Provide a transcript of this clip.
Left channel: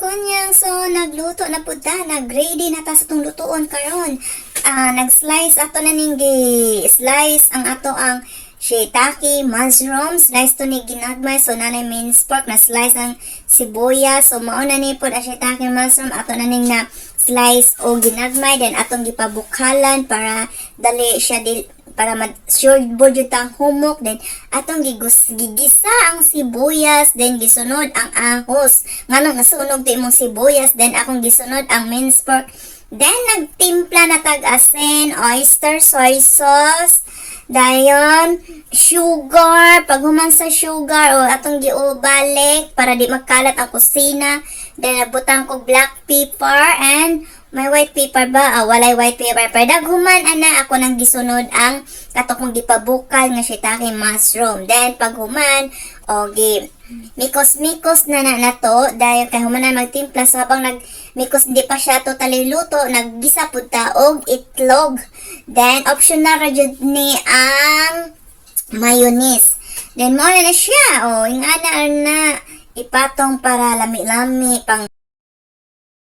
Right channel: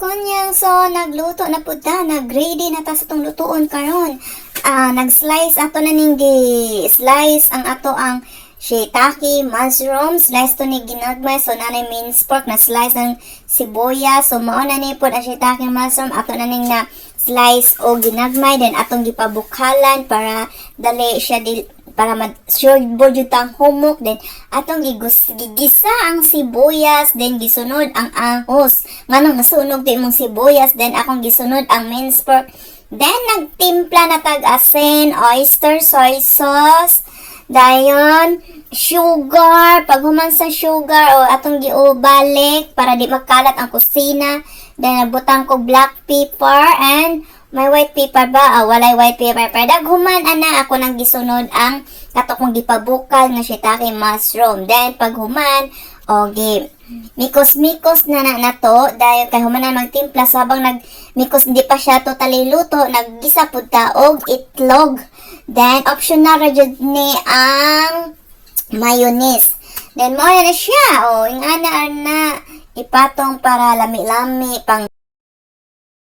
kunyang, so nagluto na pud ta, nag-ready na ta sa tong lutoon karon. Nag-slice ato na ning slice ang ato ang shiitake, mushroom, slice to ni ginagmay, so nanay minced pork na slice ng sibuyas, so mao na ni pud ang shiitake mushroom, ato na ning na slice o ginagmay, then atong gipabukhalan para dali siya para ma-sure jud tang humok, then atong gigisa ang sibuyas, then gisunod ang ahos nganong nasunog ti imong sibuyas, then akong gisunod ang minced pork, then nagtimpla na tag asin, oyster, soy sauce, dayon sugar, pag human sa sugar o atong giubalik para di makalat ang kusina, then nabutang ko black pepper and may white pepper ba? Walay white pepper. Pero daghuman ana ako nang gisunod ang kato kong gipabukal nga shiitake mushroom. Then pag human mikos-mikos na to dahil kay human na magtimpla, so habang nagmikos hindi pa siya totally luto, naggisa pud ta og itlog. Then optional ra jud ni ang mayonnaise. Then mo na siya ingana ipatong para lami-lami pang